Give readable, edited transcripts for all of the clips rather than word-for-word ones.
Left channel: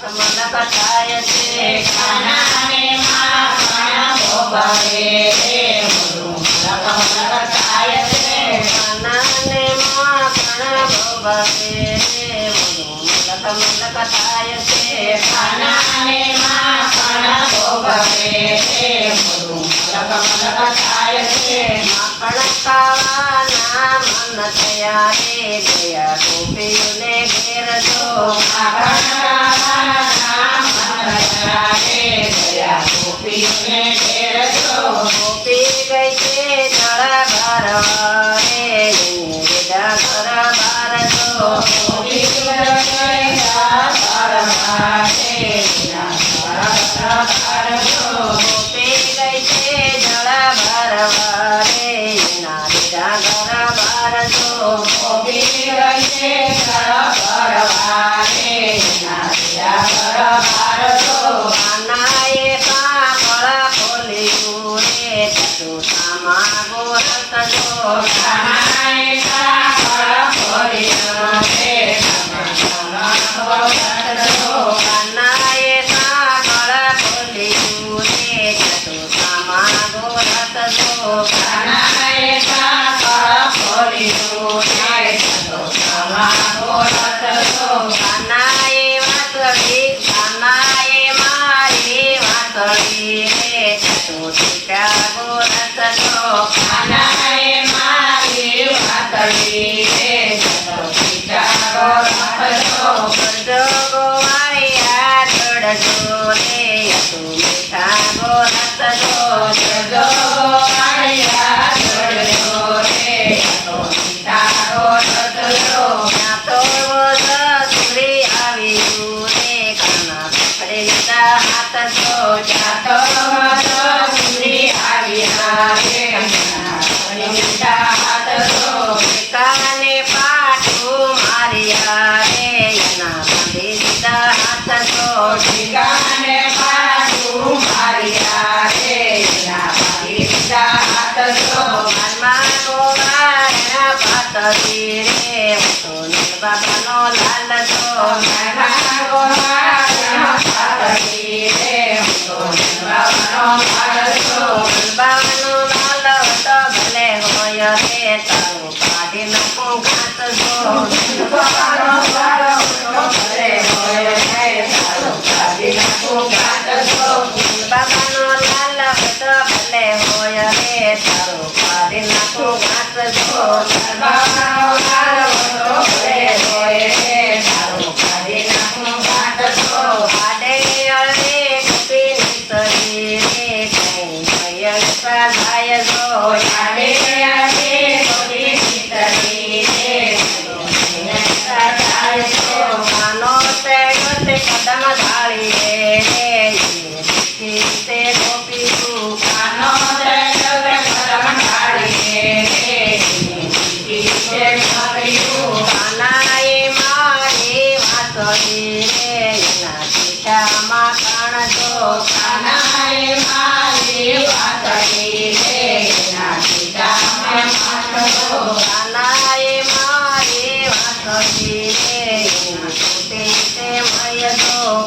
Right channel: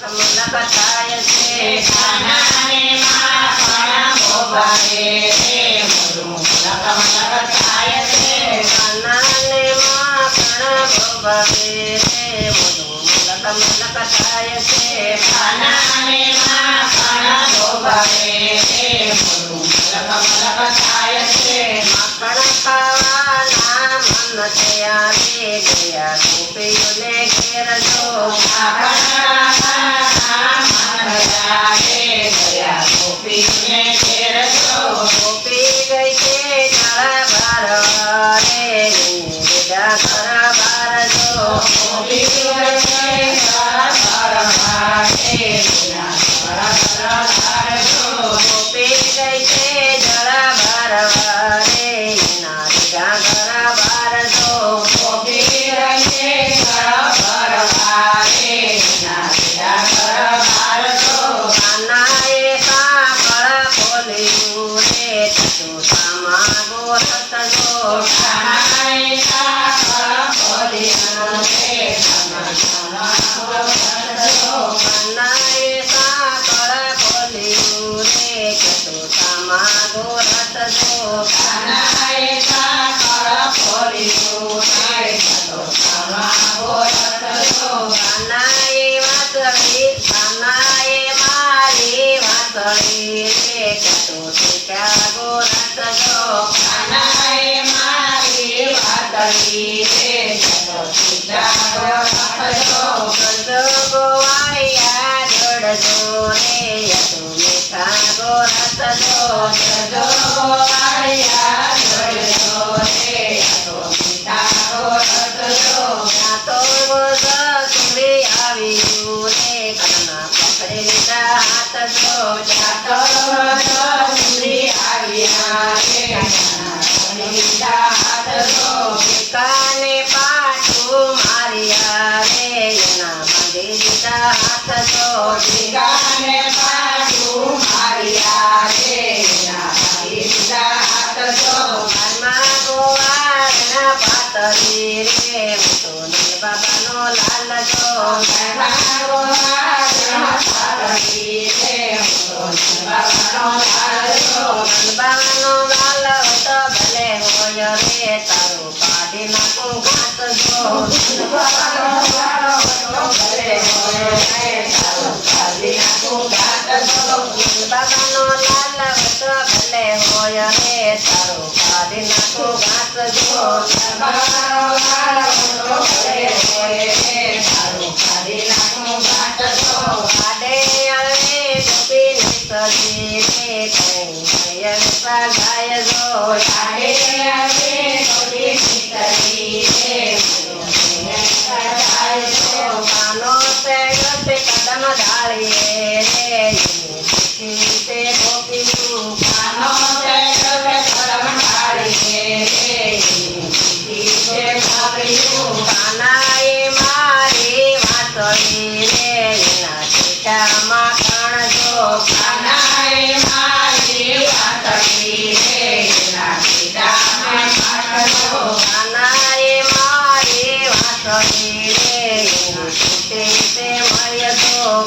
કમલ કથાય છે કાનાને માખણ ભોગવે રે મોરું કમલ કથાય છે કાનાને માખણ ભોગવે રે મોરું કમલ કથાય છે કાનાને માખણ ભોગવે રે મોરું કમલ કથાય છે માખણ ખાવાના મન થયા રે ગયા ગોપીઓને ઘેર જો ગોપી ગઈ છે જળ ભરવા રે વિદા કર બાર જો ગોપી ગઈ છે જળ ભરવા રે ના વિદા કર બાર જો કાનાએ કાકળ ખોલ્યું રે ચતુસામા ગોરસ જો કાનાએ કાકળ ખોલ્યું રે ચતુસામા ગોરસ જો કાનાએ મારી વાતળી રે ચતુટિકા ગોરસ જો કરજો ગોવાળિયા જોડજો રે યતુ મીઠા ગોરસ જો ત્યાં તો સુખરી આવ્યું રે કાના પકડી લીધા હાથ જો કાને પાટું માર્યા રે એના બાંધી દીધા હાથ જો કાનમાં ગોવાળના પાતળી રે તો નીલ બાબાનો લાલ જો બાબાનો લાલ તો ભલે હોય રે તારું કાઢી નાખું ઘાસ જો બાબાનો લાલ તો ભલે હોય રે તારું કાઢી નાખું ઘાસ જો આડે અળે ગોપીની સજી રે કઈ ભયન સ્વાધાય જો કાનો તે ગતે કદમ ઢાળીએ રે તે ગોપીયું કાનાએ મારી વાતળી રે એના ટીકામાં કણ જો કાનાએ મારી વાતળી રે એના ટીકામાં તૂટે તે મળ્ય જો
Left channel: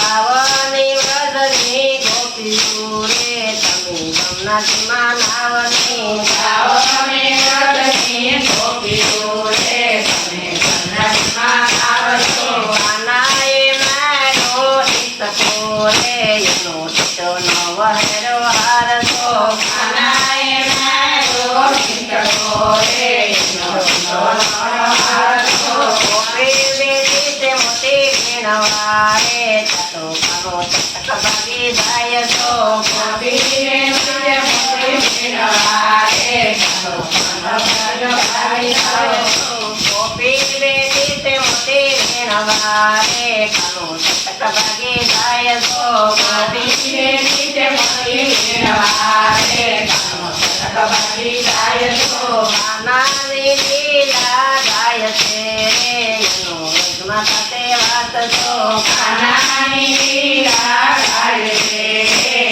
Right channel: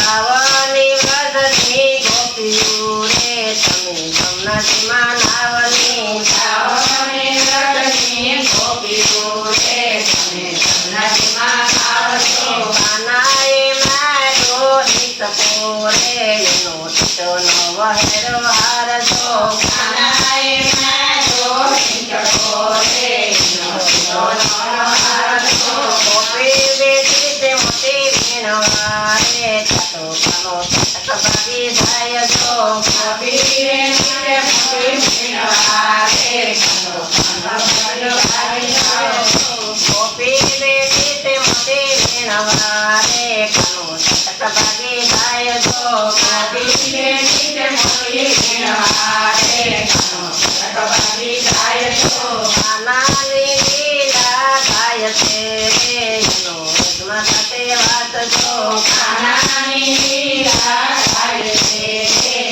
ગાવની વ્રજની ગોપીઓ રે તમે જમનાજીમાં નાવની ગાવની વ્રજની ગોપીઓ રે તમે જમનાજીમાં નાવની કાનાએ મારો હિતકો રે એનો ટીટો નો વહેરો હાર જો ગોપી બેટી તે મોટી વીણવા રે ચતો કાનો ચટક ભાગી જાય જો ગોપી બેટી તે મોટી વીણવા રે કાનો ચટક ચટક ભાગી જાય જો ગીતે ગીતે મોતી વીણવારે કાનો ચટક ભાગી જાય તો કાનાની લીલા ગાય છે એનો વેગમાં થશે વાત જો કાનાની લીલા ગાય છે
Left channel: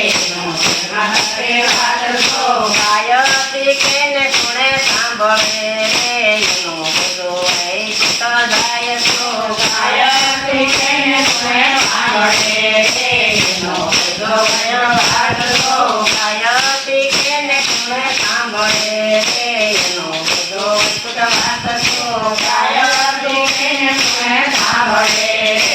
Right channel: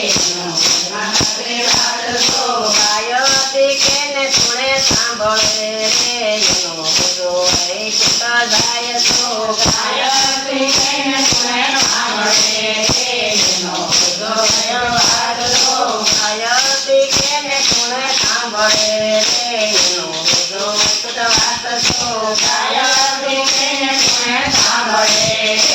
એનો વેગમાં થશે વાત જો ગાયતી કેને ગુણે સાંભળે રે એનો બધો વૈકુટ જાય તો ગાયત્રી તેને ગુણે સાંભળે એનો બધો વ્યવહાર જો ગાયતી કેને ગુણે સાંભળે રે એનો બધો વૈકુટ વાત જો ગાયત્રી તેને ગુણે સાંભળે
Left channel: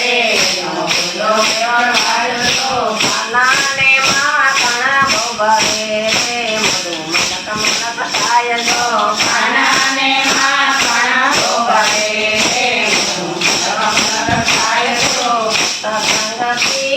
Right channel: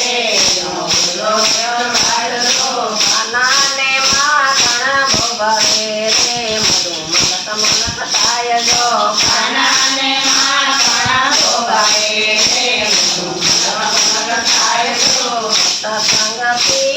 એનો બધો વ્યવહાર જો કાનાને માખણ બહુ ભાવે રે મધુ મલક મલક થાય જો કાનાને માખણ ભોગવે રે મધુ મલક મલક થાય જો સત્સંગથી